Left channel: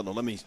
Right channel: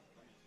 Hold on, let me.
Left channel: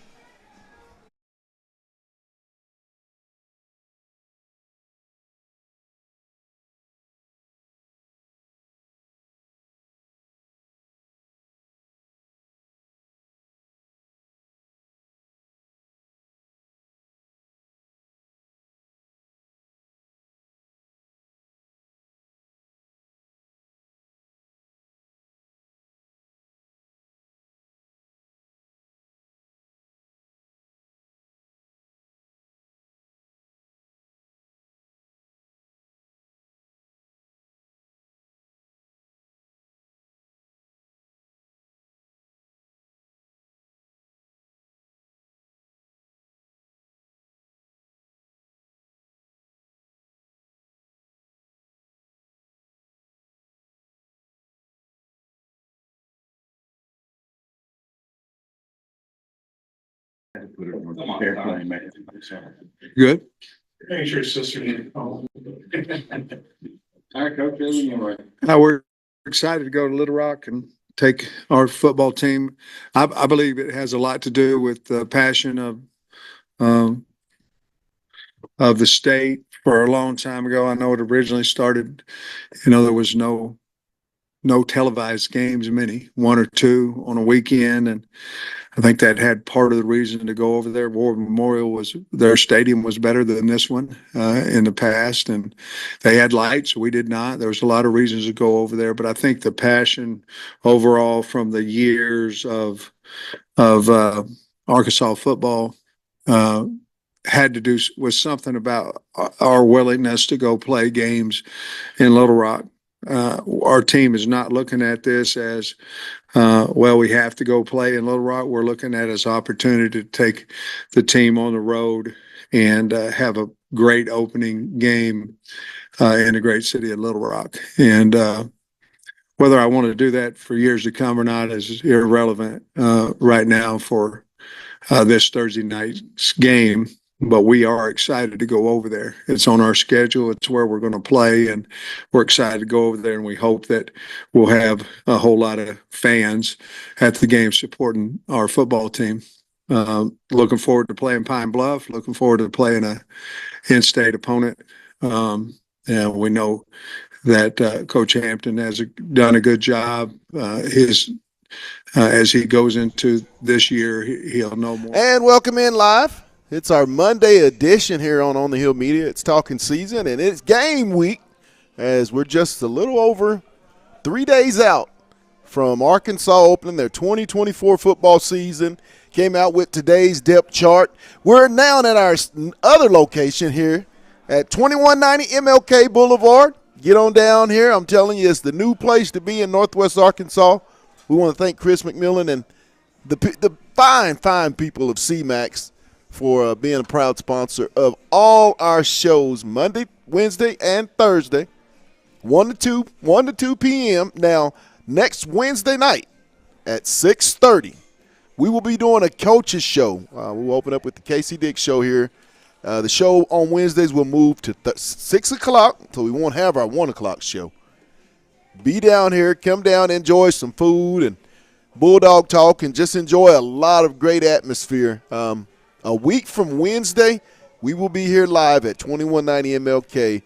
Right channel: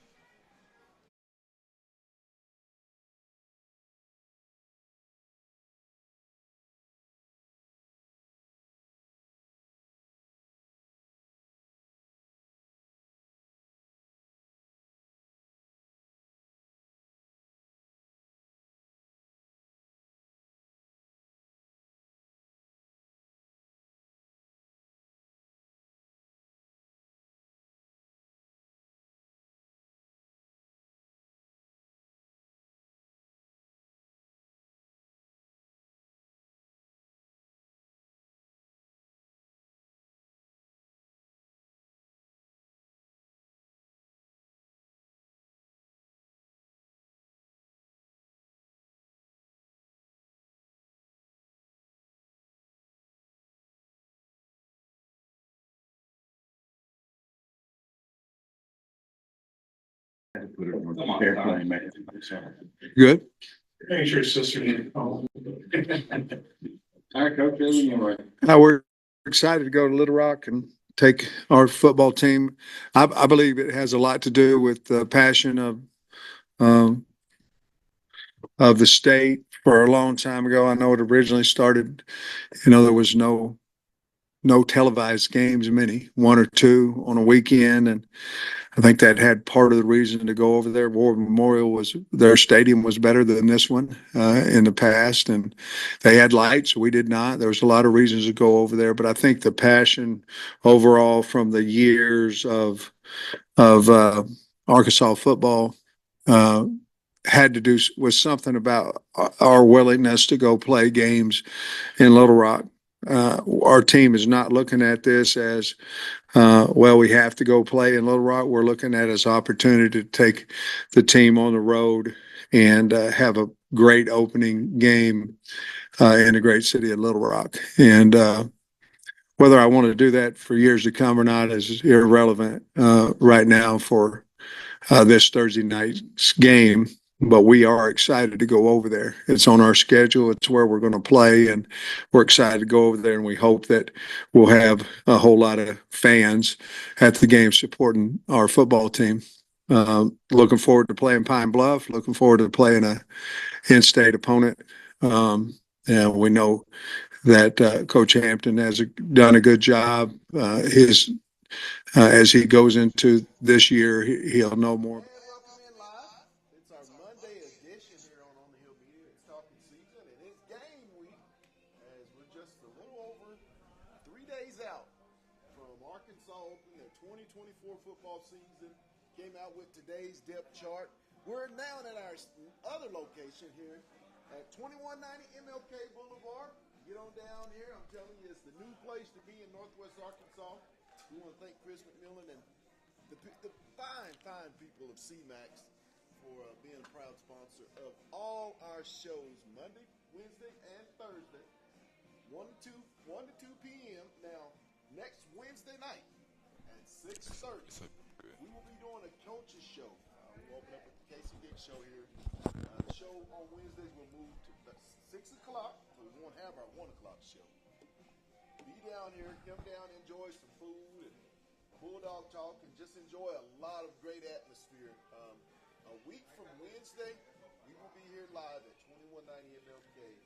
Good. Make sure sister didn't call. All right, Coach. We're excited to go to Little Rock and take our football team. I believe it has a lot to do with the passion um, of the state. For a long time ago, I know it originally started. There was no televised games, many, one or two on a weekend, and I think that had part of the reason to go over there. War Memorial was their stadium was better than this one in the past, and they had lights. We did not. There was a lot of reasons to go over there, but I think the passion overall from the years of Arkansas football uh, had to do with something about our willingness to go play games in Little Rock. Our team is not looking at this as well, we have to go play in Little Rock. We're looking at it as opportunity to take the team on the road and have a great opening game in the great city of Little Rock. And whether I want to do that for years to come or not is irrelevant right now for this Thursday night's game. But we are excited to go over there. It's on our schedule. It's where we're going to play, and we're excited to go over there. And we hope that we'll have a whole lot of fans at the game supporting our football team. Looking forward to playing Pine Bluff. Looking forward to playing a in-state opponent. And we know that Coach Hampton has done a good job. As he goes into this year, he'll know more. And welcome in live. It's our Monday edition here on the Hill Media. It's talking season, and it's game week as we're just a little over 3 days out from Arkansas opening their 2024 football season. Came out with today's depth chart. We're now at our other location here at 2190 MLK Boulevard. Get on down here. I'm telling you, it's the new place to be in Northwest Arkansas. We want to thank Chris McMillan and the fine people of CMAX for being a proud sponsor of all our shows Monday, Wednesday, and Thursday, 1 to 2 p.m. Now, next Wednesday night at 6:30, we will be doing a coaches show. We'll open up with the Casey Dick show here. The show on Wednesdays will move to 6 o'clock, so we won't have our 1 o'clock show. Be down here, come down, enjoy some food and Bulldog talk, and just enjoy a lot of great atmosphere. A week from Wednesday, we will be here live at 2190 MLK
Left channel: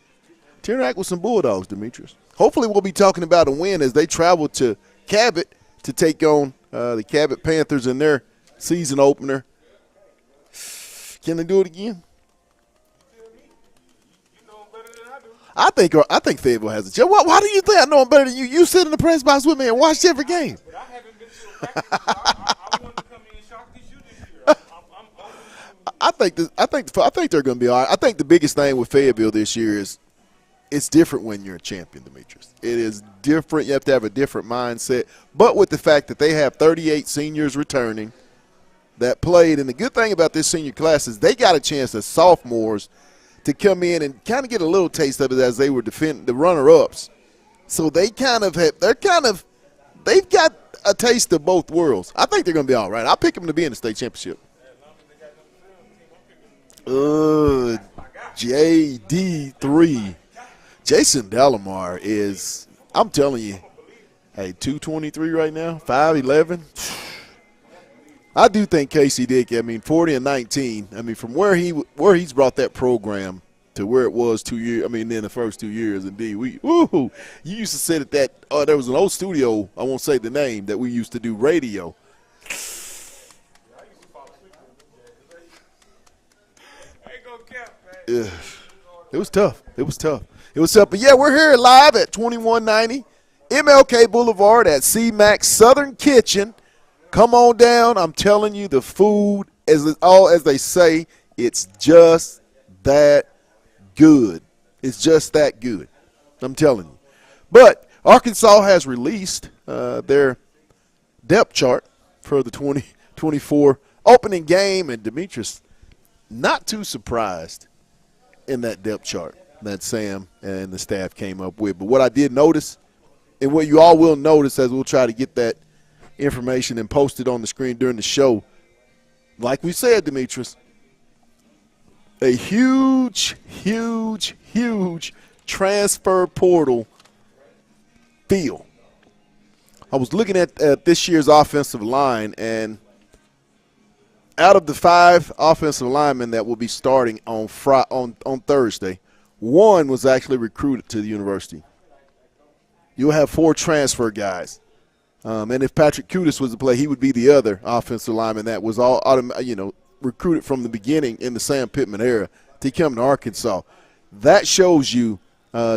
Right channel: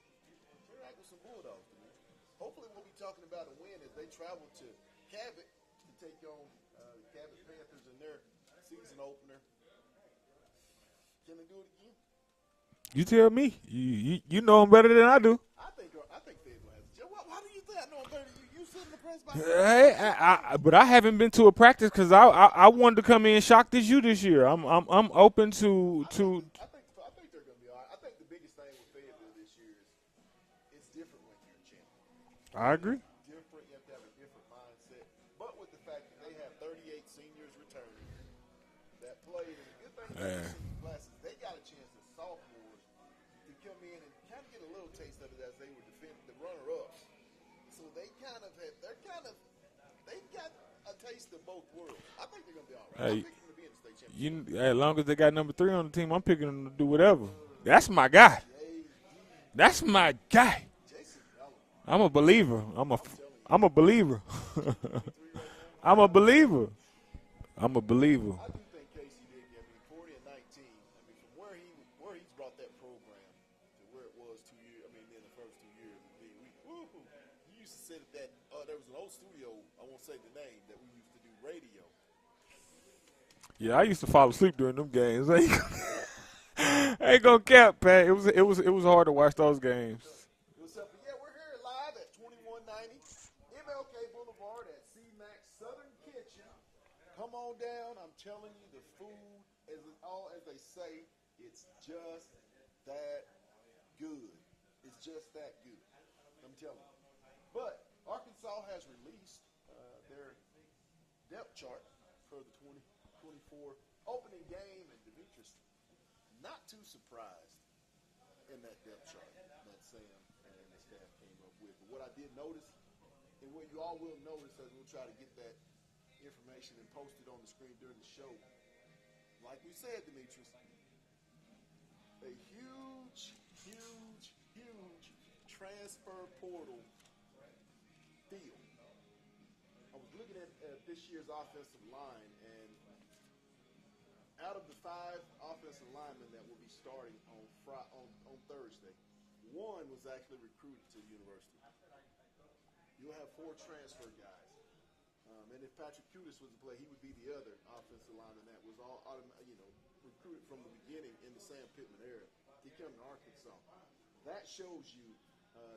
to interact with some Bulldogs, Demetrius. Hopefully we'll be talking about a win as they travel to Cabot to take on the Cabot Panthers in their season opener. Can they do it again? You tell me. You know them better than I do. I think Fayetteville has a chance. Why do you think I know them better than you? You sit in the press box with me and watch every game. But I haven't been to a practice because I wanted to come in shocked as you this year. I'm open to. I think they're going to be all right. I think the biggest thing with Fayetteville this year is it's different when you're a champion, Demetrius. It is different. You have to have a different mindset. But with the fact that they have 38 seniors returning that played, and the good thing about this senior class is they got a chance as sophomores to come in and kind of get a little taste of it as they were defending the runner-ups. So they've got a taste of both worlds. I think they're going to be all right. I'll pick them to be in the state championship. As long as they got number 3 on the team, I'm picking them to do whatever. That's my guy. JD3. That's my guy. Jason Delamar I'm a believer. I'm telling you. I'm a believer. Hey, 223 right now, I'm a 5'11". believer. I'm a believer. I do think Casey Dickey, 40-19. From where he's brought that program to where it was 2 years. In the first 2 years, indeed. You used to sit at that. There was an old studio. I won't say the name that we used to do radio. Yeah, I used to fall asleep during them games. I ain't gonna cap, Pat. It was hard to watch those games. It was tough. But yeah, we're here live at 2190 MLK Boulevard at C-Max Southern Kitchen. Come on down. I'm telling you, the food, as they say, it's just that good. It's just that good. I'm telling you. But Arkansas has released their depth chart for the 2024 opening game, and Demetrius, not too surprised in that depth chart that Sam and the staff came up with. But what I did notice, and what you all will notice as we'll try to get that information and post it on the screen during the show, like we said, Demetrius, a huge, huge, huge transfer portal feel. I was looking at this year's offensive line, and out of the 5 offensive linemen that will be starting on Thursday, 1 was actually recruited to the university. You'll have 4 transfer guys. And if Patrick Kudus was to play, he would be the other offensive lineman that was all recruited from the beginning in the Sam Pittman era to come to Arkansas. That shows you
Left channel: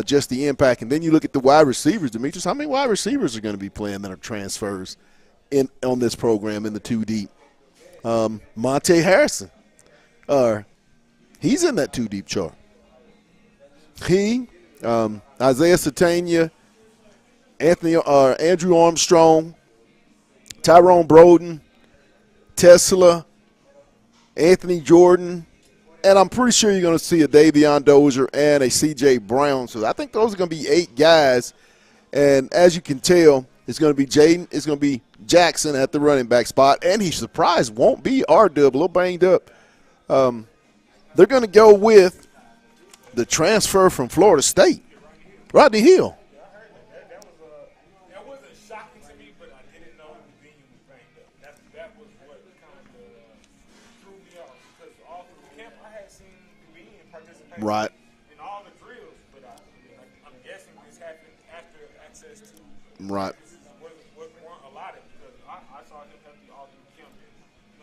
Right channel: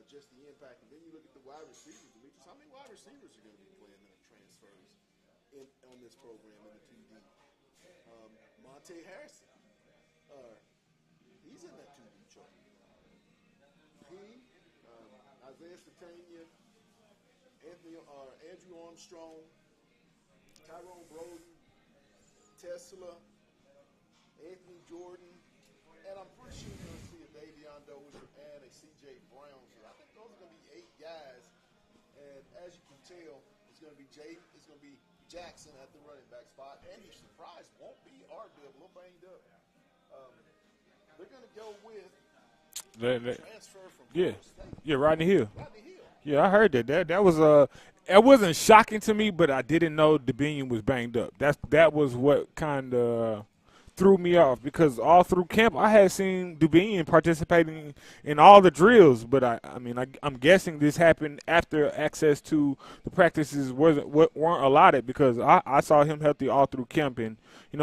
just the impact. And then you look at the wide receivers, Demetrius. How many wide receivers are going to be playing that are transfers on this program in the 2 deep? Monte Harrison, he's in that 2 deep chart. Isaiah Satania, Andrew Armstrong, Tyrone Broden, Tesla, Anthony Jordan, and I'm pretty sure you're going to see a Davion Dozier and a C.J. Brown. So I think those are going to be 8 guys. And as you can tell, it's going to be Jaden. It's going to be Jackson at the running back spot. And he's surprised won't be R-Dub, a little banged up. They're going to go with the transfer from Florida State. Yeah, Rodney Hill. Rodney Hill. Yeah, I heard that. That was it wasn't shocking to me, but I didn't know DeBinion was banged up. That was what kind of threw me off, because all through camp I had seen DeBinion participating in all the drills, but I'm guessing this happened after access to practices weren't allotted, because I saw him healthy all through camp, and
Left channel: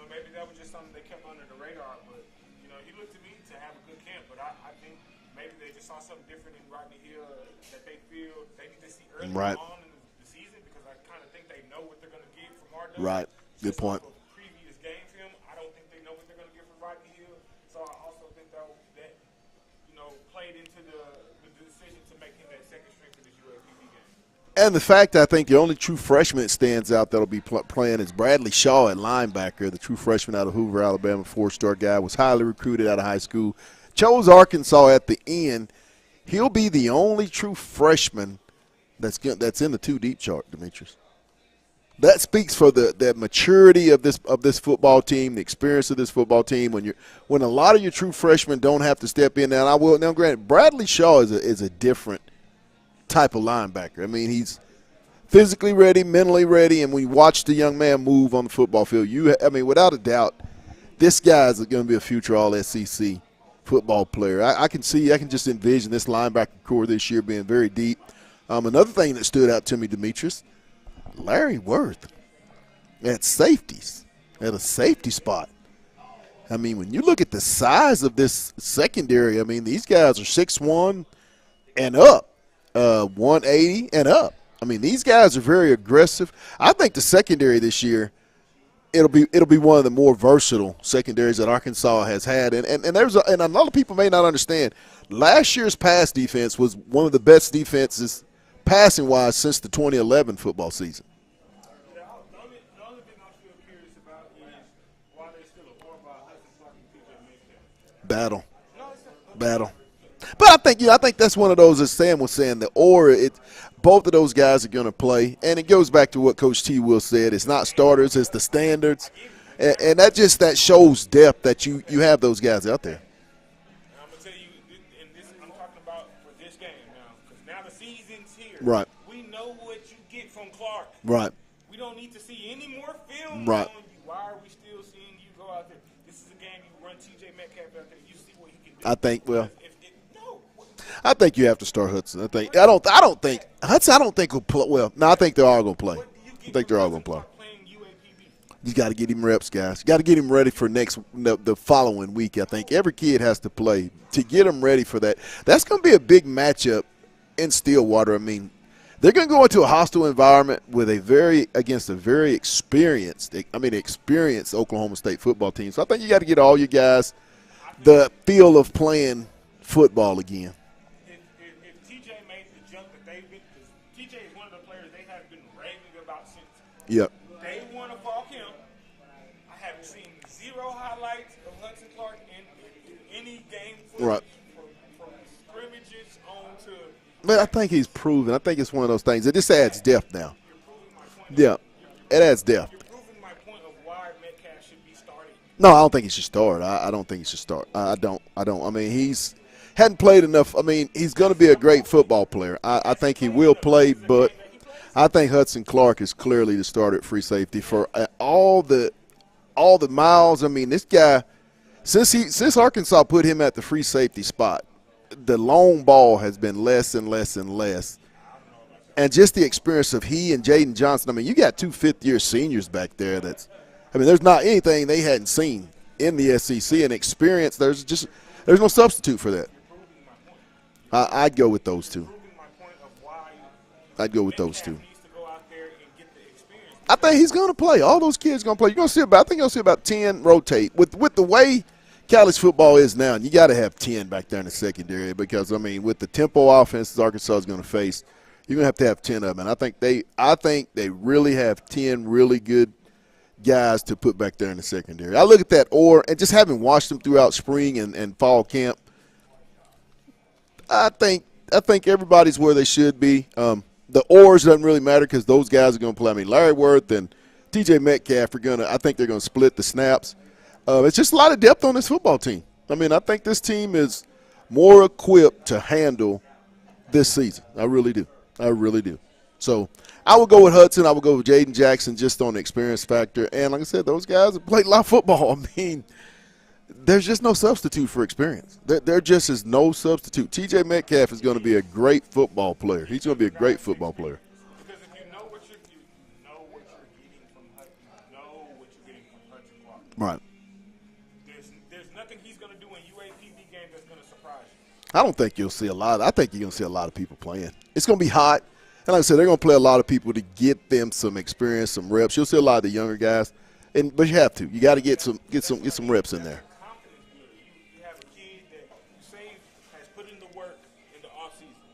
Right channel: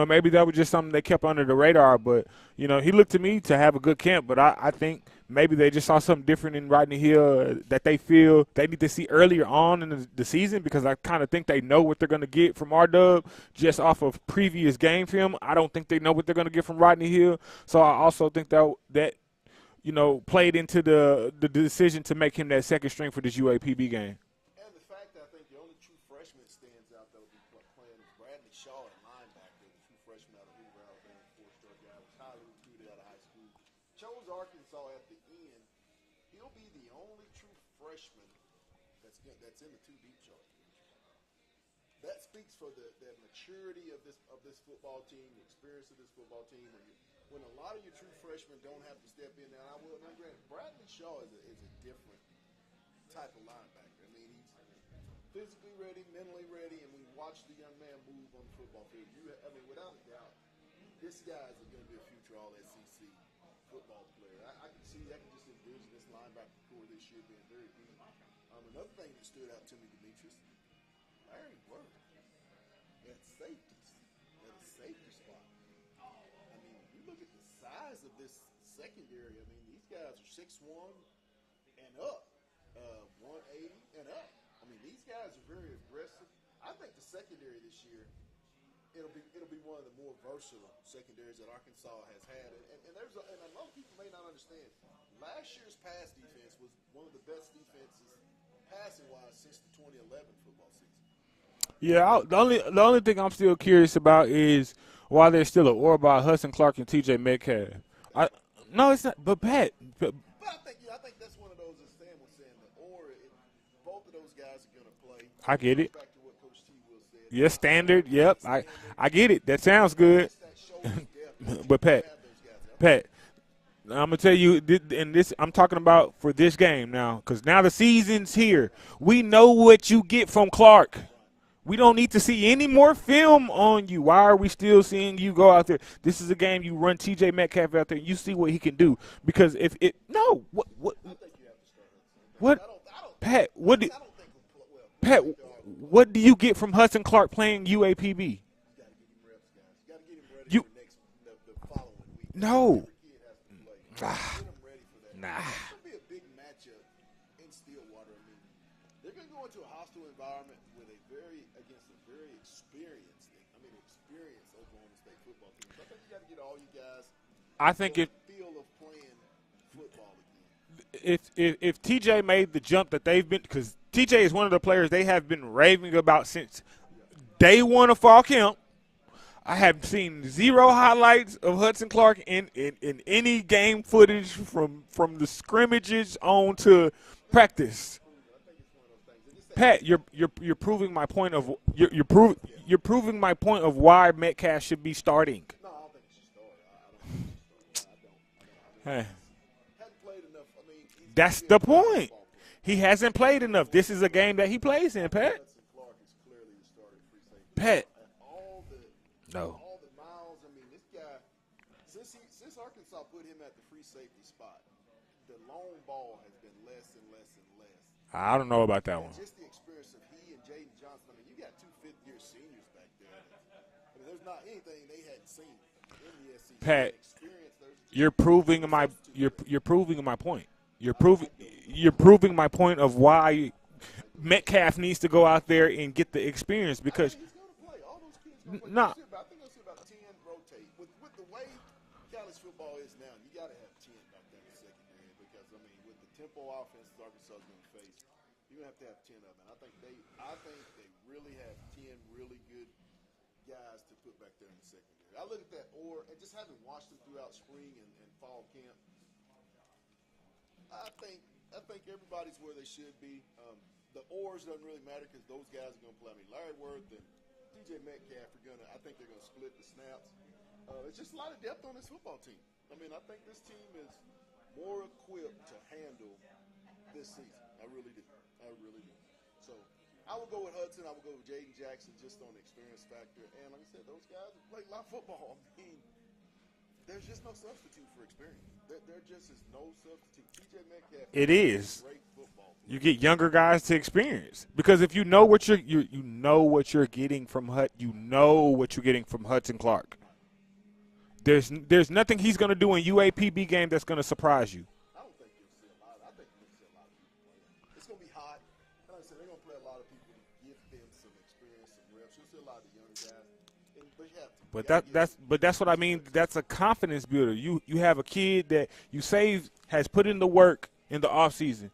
maybe that was just something they kept under the radar, but he looked to me to have a good camp, but I think maybe they just saw something different in Rodney Hill that they feel they need to see earlier on in the season, because I kind of think they know what they're going to get from R-Dub just off of previous game film. I don't think they know what they're going to get from Rodney Hill. So I also think that played into the decision to make him that second string for this UAPB game. And the fact, I think the only true freshman that stands out that'll be playing is Bradley Shaw at linebacker, the true freshman out of Hoover, Alabama, 4-star guy, was highly recruited out of high school. Chose Arkansas at the end. He'll be the only true freshman that's in the 2 deep chart, Demetrius. That speaks for the maturity of this football team, the experience of this football team. When a lot of your true freshmen don't have to step in. Now granted, Bradley Shaw is a different type of linebacker. He's physically ready, mentally ready, and when you watch the young man move on the football field, without a doubt, this guy's going to be a future All-SEC football player. I can just envision this linebacker core this year being very deep. Another thing that stood out to me, Demetrius, Larry Worth at safeties, at a safety spot. When you look at the size of this secondary, these guys are 6'1" and up, 180 and up. These guys are very aggressive. I think the secondary this year, it'll be one of the more versatile secondaries that Arkansas has had, and a lot of people may not understand. Last year's pass defense was one of the best defenses passing wise since the 2011 football season. Yeah, the only thing I'm still curious about is why there's still an Orba, Hudson Clark, and T.J. Metcalf Battle. No, it's not. But Battle. Pat, But I think that's one of those, as Sam was saying, both of those guys are going to play, and it goes back to what Coach T. Will said. It's not starters, it's the standards. I get it. That sounds and good. that shows depth that you Pat, have those guys out there. Pat, I'm gonna tell you, and this I'm talking about for this game now, because now the season's here. Right. We know what you get from Clark. Right. We don't need to see any more film Right. on you. Why are we still seeing you go out there? This is a game you run T.J. Metcalf out there. You see what he can do. I think, because if it no, what, I think you have to start Hudson. I think What- I don't think Pat, what Hudson. do- I don't think will play. Well, no, I Pat, think they are going to play. what do you get think from they're all Hudson gonna Clark playing UAPB? You got to get him reps, guys. You got to get him ready for the following week. I think No. every kid has to play to get him ready for that. That's going to be a big matchup in Stillwater. I mean, they're going to go into a hostile environment with against a very experienced Oklahoma State football team. So I think you got to get all your guys I think the feel of playing football again. if TJ made the jump that they've been, because TJ is one of the players they have been raving about since Yep. day one of fall camp. I have seen zero highlights of Hudson Clark in any game footage from the scrimmages on to Man, practice. I think he's proven. I think it's one of those things. It just adds Pat, depth now. You're proving my point of you're adds depth. You're proving my point of why Metcalf should be starting. No, I don't think he should start. I don't think he should start. I don't. I mean, he's hadn't played enough. I mean, he's going to That's be a the great point. football player. He I hasn't think played he will enough. play, This is a but game that he plays in, I think Pat. Hudson Clark is clearly the starter at free safety Pat. for all the No. miles. I mean, this guy since Arkansas put him at the free safety spot, the long ball has been less and less and less. I don't know about that. And just the experience of he and Jaden Johnson. I mean, you got two fifth-year seniors back there. There's not anything they hadn't seen in the SEC Pat, and experience. There's there's no substitute for that. You're proving my point. I'd go with those You're two. proving my point of why I'd go with those Metcalf two. needs to go out there and get the experience. I Because think he's going to play. All those kids going to play. I think you'll see about 10 rotate with the way college football is now. And you got to have 10 back there in the secondary because with the tempo offenses Arkansas is going to face, you're going to have 10 of them. And I think they really have 10 really good guys to put back there in the secondary. I look at that and just having watched them throughout spring and fall camp, I think everybody's where they should be. The oars doesn't really matter because those guys are going to play. I mean, Larry Worth and T.J. Metcalf I think they're going to split the snaps. It's just a lot of depth on this football team. I mean, I think this team is more equipped to handle this season. I really do. So I would go with Hudson. I would go with Jaden Jackson just on the experience factor. And like I said, those guys have played a lot of football. I mean, there's just no substitute for experience. There just is no substitute. T.J. Metcalf is going to be a great football player. get He's going to younger be a great guys to football player. experience. Because if you know what you're getting from Hudson Clark. Right. There's nothing he's going to do in UAPB game that's going to surprise you. I don't think you'll see a lot. I think you're going to see a lot of people playing. It's going to be hot. And like I said, they're going to play a lot of people to get them some experience, some reps. You'll see a lot of the younger guys. But you have to. You got to get some reps in That's there. a confidence builder. You have a kid that you say has put in the work in the offseason.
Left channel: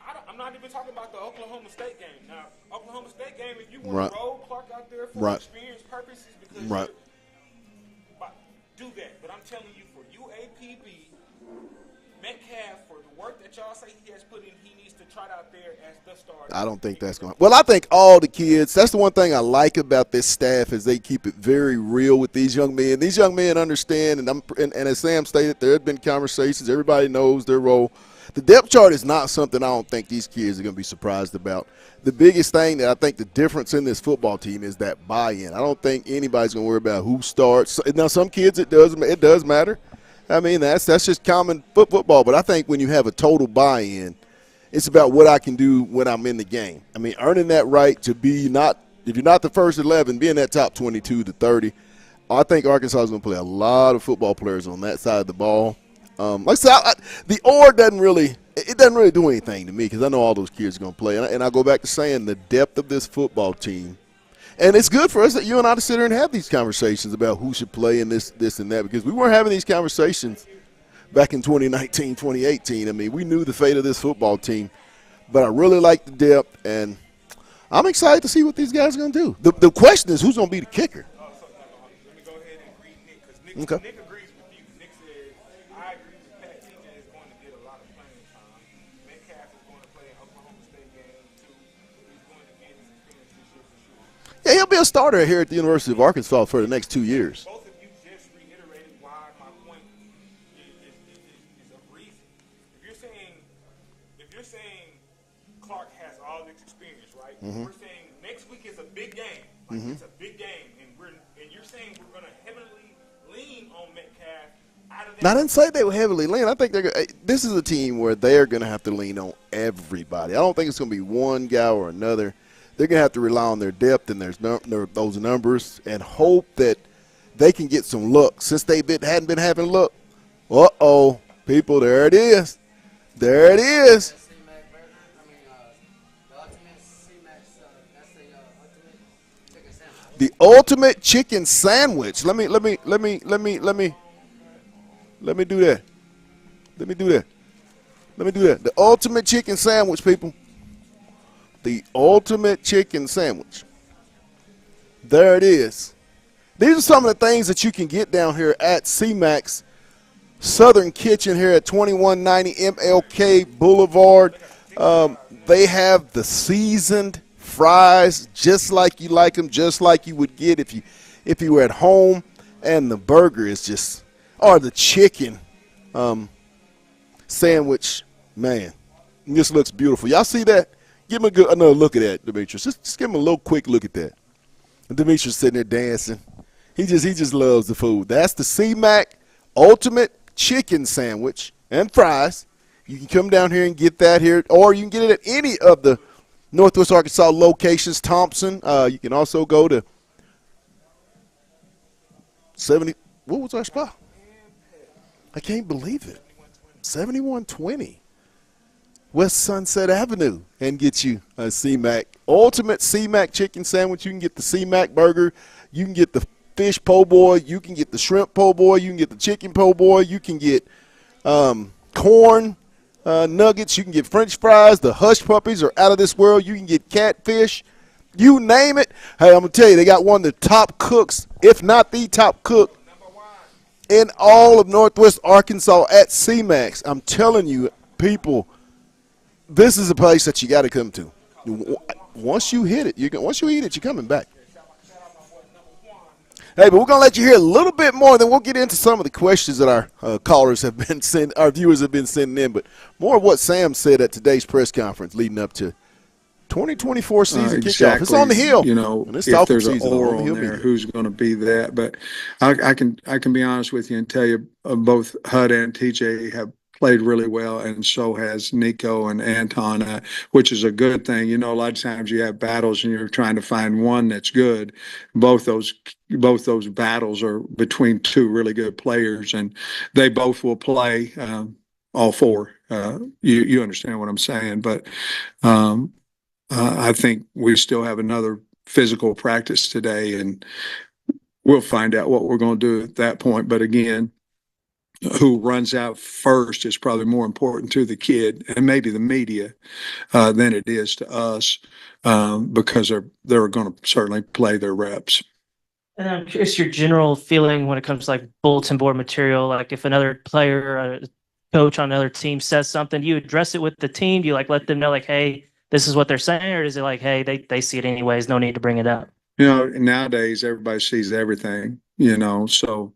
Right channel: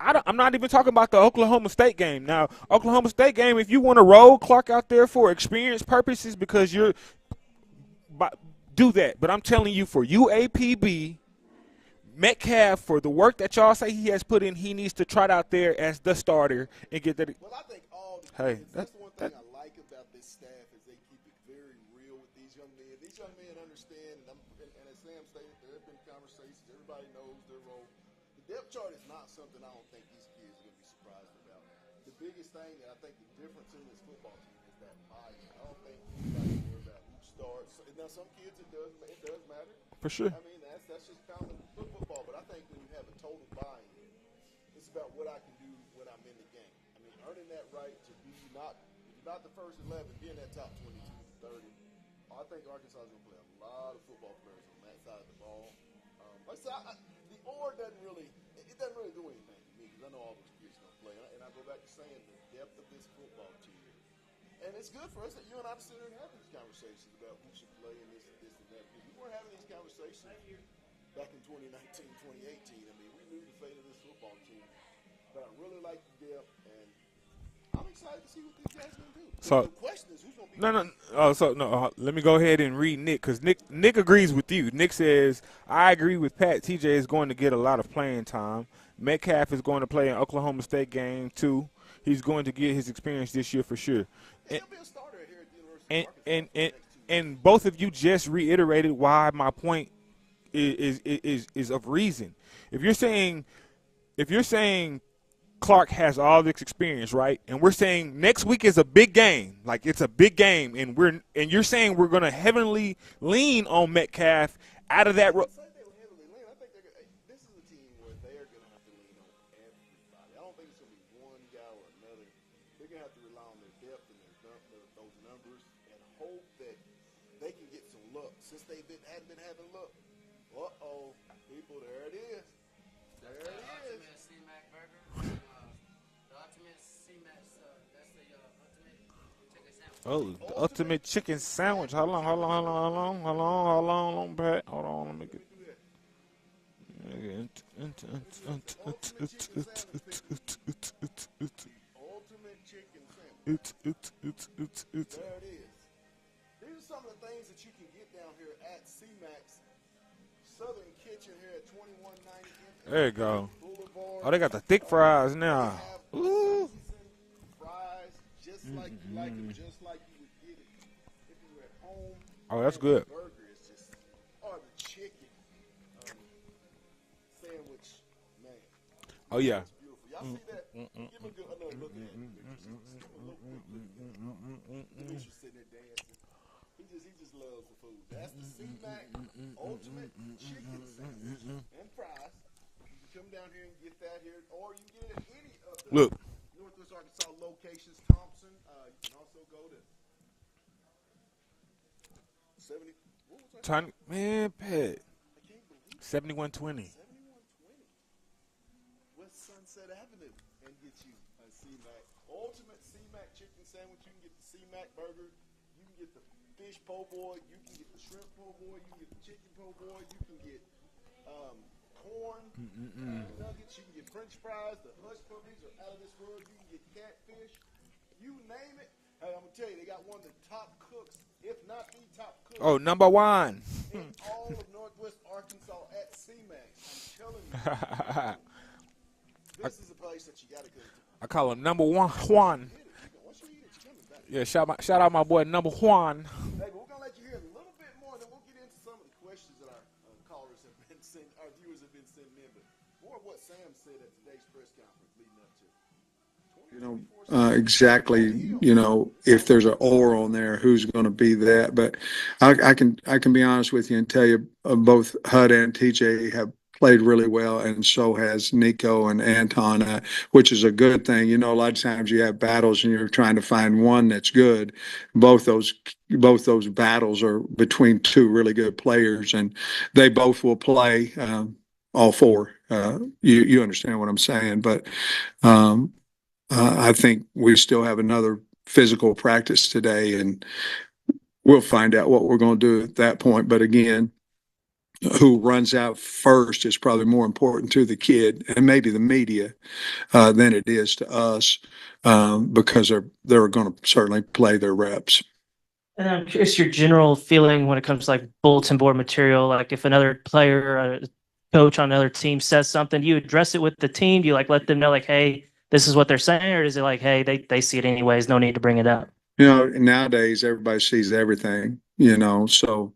I'm not even talking about the Oklahoma State game. Now, Oklahoma State game, if you want to roll Clark out there for experience purposes because do that. But I'm telling you, for UAPB, Metcalf, for the work that y'all say he has put in, he needs to trot out there as the starter. I don't think that's going to. Well, I think all the kids, that's the one thing I like about this staff is they keep it very real with these young men. These young men understand, and as Sam stated, there have been conversations. Everybody knows their role. The depth chart is not something I don't think these kids are going to be surprised about. The biggest thing that I think the difference in this football team is that buy-in. I don't think anybody's going to worry about who starts. Now, some kids it does matter. For sure. I mean, that's just common football. But I think when you have a total buy-in, it's about what I can do when I'm in the game. I mean, earning that right to be if you're not the first 11, being that top 22 to 30. I think Arkansas is going to play a lot of football players on that side of the ball. Like I said, the OR doesn't really do anything to me because I know all those kids are going to play. And I go back to saying the depth of this football team. And it's good for us that you and I to sit here and have these conversations about who should play in this and that because we weren't having these conversations back in 2019, 2018. I mean, we knew the fate of this football team. But I really like the depth, and I'm excited to see what these guys are going to do. The question is who's going to be the kicker. Let me go ahead and read Nick because Nick agrees with you. Nick says, I agree with Pat. TJ is going to get a lot of playing time. Metcalf is going to play an Oklahoma State game, too. He's going to get his experience this year for sure. Yeah, he'll be a starter here at the University of Arkansas for the next 2 years. Both of you just reiterated why my point is of reason. If you're saying Clark has all this experience, right? And we're saying next week is a big game. Like it's a big game, and you're saying we're going to heavily lean on Metcalf out of that. I didn't say they were heavily lean. I think this is a team where they're going to have to lean on everybody. I don't think it's going to be one guy or another. They're going to have to rely on their depth and those numbers and hope that they can get some luck. Since they hadn't been having luck, people, there it is. There it is. The ultimate chicken sandwich. Let me do that. The ultimate chicken sandwich, people. The ultimate chicken sandwich. There it is. These are some of the things that you can get down here at CMAX Southern Kitchen here at 2190 MLK Boulevard. Oh, they got the thick fries now. They have the seasoned fries just like you like them, just like you would get if you were at home. And good. the burger is just, or the chicken sandwich, man, this looks beautiful. Y'all see that? Give him another look at that, Demetrius. Just give him a little quick look at that. And Demetrius sitting there dancing. He just loves the food. That's the CMAC Ultimate Chicken Sandwich and fries. You can come down here and get that here, or you can get it at any of the Northwest Arkansas locations. Thompson. You can also go to 70. What was our spot? Man, Pat. I can't believe it. 7120. 7120 West Sunset Avenue and get you a CMAC Ultimate CMAC Chicken Sandwich. You can get the CMAC burger. You can get the fish po' boy. You can get the shrimp po' boy. You can get the chicken po' boy. You can get corn nuggets. You can get French fries. The hush puppies are out of this world. You can get catfish. You name it. Hey, I'm going to tell you, they got one of the top cooks, if not the top cook. Oh, number one. In all of Northwest Arkansas at CMAX. I'm telling you, people, this is a place that you got to come to. I call it number one. Once you hit it, once you eat it, you're coming back. Yeah, shout out my boy, number one. Hey, but we're going to let you hear a little bit more, then we'll get into some of the questions that our callers have been our viewers have been sending in, but more of what Sam said at today's press conference leading up to 2024 season kickoff. Exactly. It's on the hill. You know, if there's an or on there, who's going to be that? But I can be honest with you and tell you both HUD and TJ have played really well, and so has Nico and Anton, which is a good thing. You know, a lot of times you have battles and you're trying to find one that's good. Both those battles are between two really good players, and they both will play all four. You understand what I'm saying? But I think we still have another physical practice today, and we'll find out what we're going to do at that point. But again, who runs out first is probably more important to the kid and maybe the media than it is to us, because they're going to certainly play their reps. And I'm curious your general feeling when it comes to like bulletin board material. Like if another player or a coach on another team says something, do you address it with the team? Do you like let them know like, hey, this is what they're saying, or is it like, hey, they see it anyways, no need to bring it up? You know, nowadays everybody sees everything, you know, so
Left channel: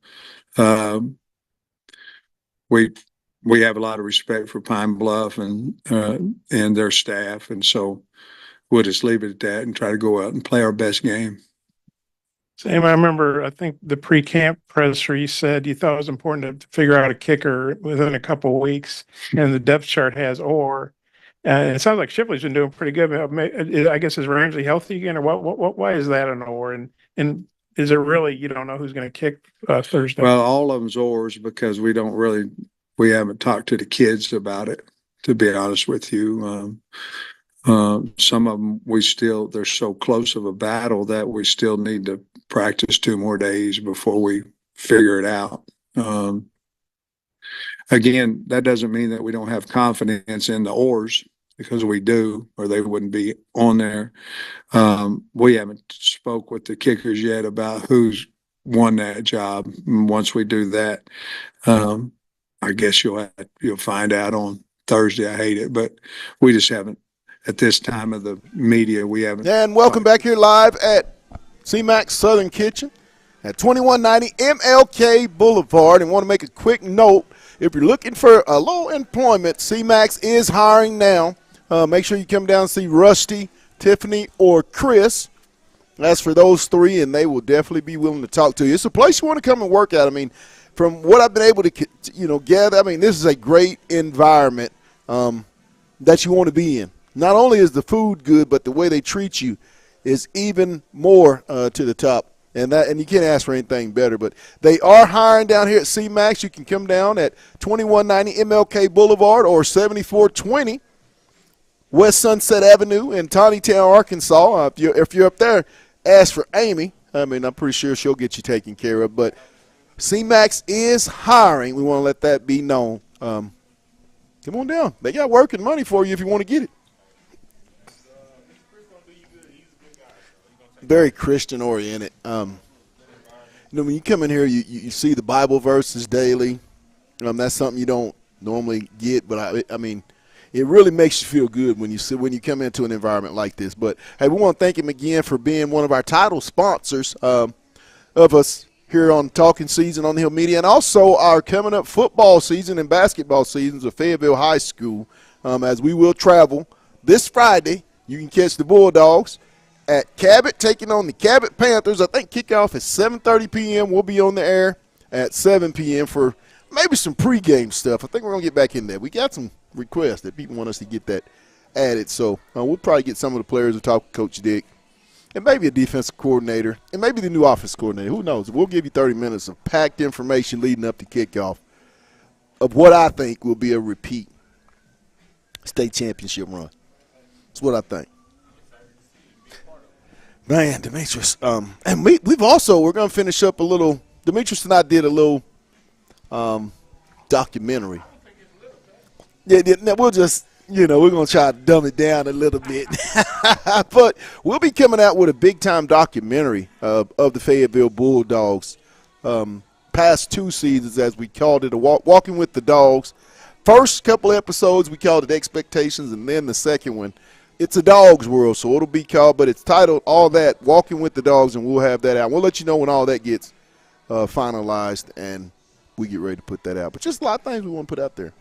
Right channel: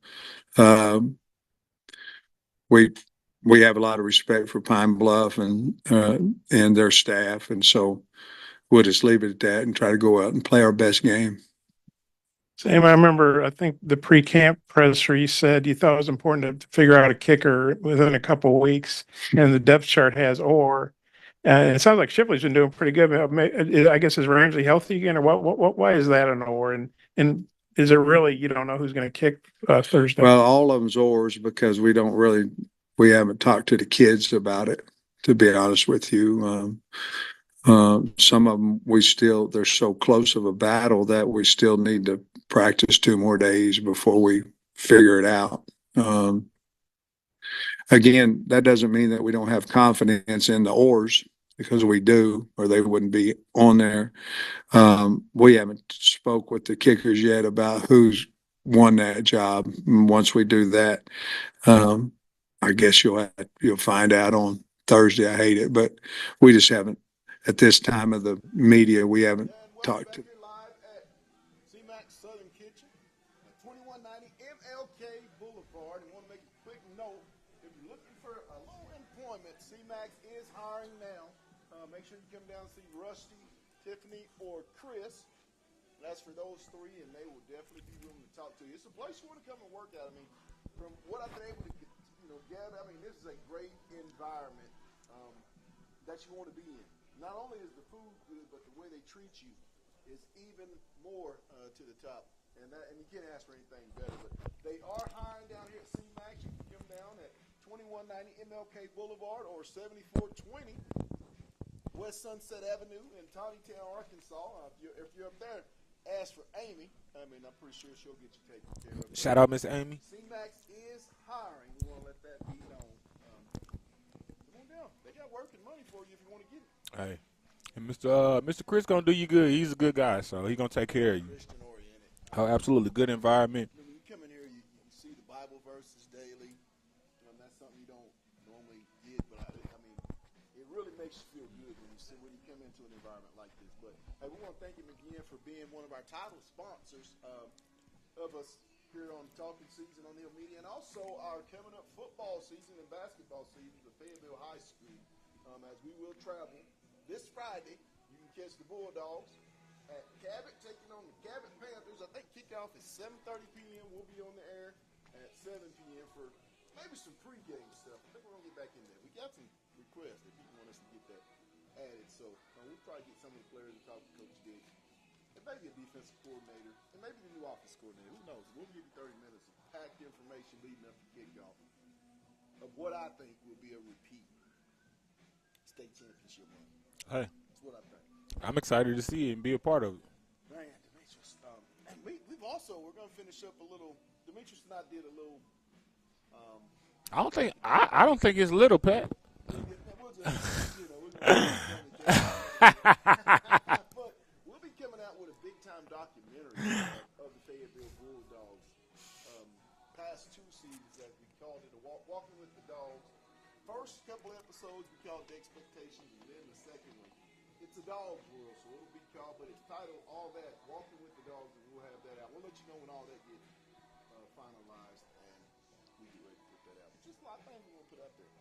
we have a lot of respect for Pine Bluff and their staff, and so we'll just leave it at that and try to go out and play our best game. Sam, I remember, I think the pre-camp presser, you said you thought it was important to figure out a kicker within a couple of weeks, and the depth chart has or. And it sounds like Shipley's been doing pretty good. I guess is Ramsey healthy again, or what? Why is that an or? And is it really you don't know who's going to kick Thursday? Well, all of them's oars because we haven't talked to the kids about it. To be honest with you, some of them they're so close of a battle that we still need to practice 2 more days before we figure it out. Again, that doesn't mean that we don't have confidence in the oars, because we do, or they wouldn't be on there. We haven't spoke with the kickers yet about who's won that job. And once we do that, I guess you'll find out on Thursday. I hate it, but we just haven't at this time of the media. We haven't. And welcome back here live at CMAX Southern Kitchen at 2190 MLK Boulevard. And want to make a quick note. If you're looking for a low employment, CMAX is hiring now. make sure you come down and see Rusty, Tiffany, or Chris. As for those three, and they will definitely be willing to talk to you. It's a place you want to come and work at. I mean, from what I've been able to, gather, I mean, this is a great environment that you want to be in. Not only is the food good, but the way they treat you is even more to the top. And you can't ask for anything better. But they are hiring down here at CMAX. You can come down at 2190 MLK Boulevard or 7420 West Sunset Avenue in Tawnytown, Arkansas. If you're up there, ask for Amy. I mean, I'm pretty sure she'll get you taken care of. But Shout out, Miss Amy. CMAX is hiring. We want to let that be known. Come on down. They got work and money for you if you want to get it. Hey, and Mr. Chris gonna do you good. He's a good guy, so he's gonna take Very care of you. Christian oriented. Absolutely good environment. When you come in here, you see the Bible verses daily. That's something you don't normally get, but I mean, it really makes you feel good when you come into an environment like this. But hey, we want to thank him again for being one of our title sponsors of us here on Talking Season on the Hill Media, and also our coming up football season and basketball seasons of Fayetteville High School. As we will travel this Friday, you can catch the Bulldogs at Cabot taking on the Cabot Panthers. I think kickoff is 7:30 p.m. We'll be on the air at 7 p.m. for maybe some pregame stuff. I think we're going to get back in there. We got some requests that people want us to get that added. So we'll probably get some of the players to talk to Coach Dick and maybe a defensive coordinator and maybe the new offense coordinator. Who knows? We'll give you 30 minutes of packed information leading up to kickoff of what I think will be a repeat state championship run. Hey, That's what I think. I'm excited to see it and be a part of it. Man, Demetrius. And we're going to finish up a little. Demetrius and I did a little documentary. I don't think it's little, Pat. Yeah, we'll just, we're going to try to dumb it down a little bit. But we'll be coming out with a big-time documentary of the Fayetteville Bulldogs. Past two seasons, as we called it, Walking with the Dogs. First couple episodes, we called it Expectations, and then the second one, it's a dog's world, so it'll be called, but it's titled All That, Walking with the Dogs, and we'll have that out. We'll let you know when all that gets finalized, and we get ready to put that out. But just a lot of things we want to put out there.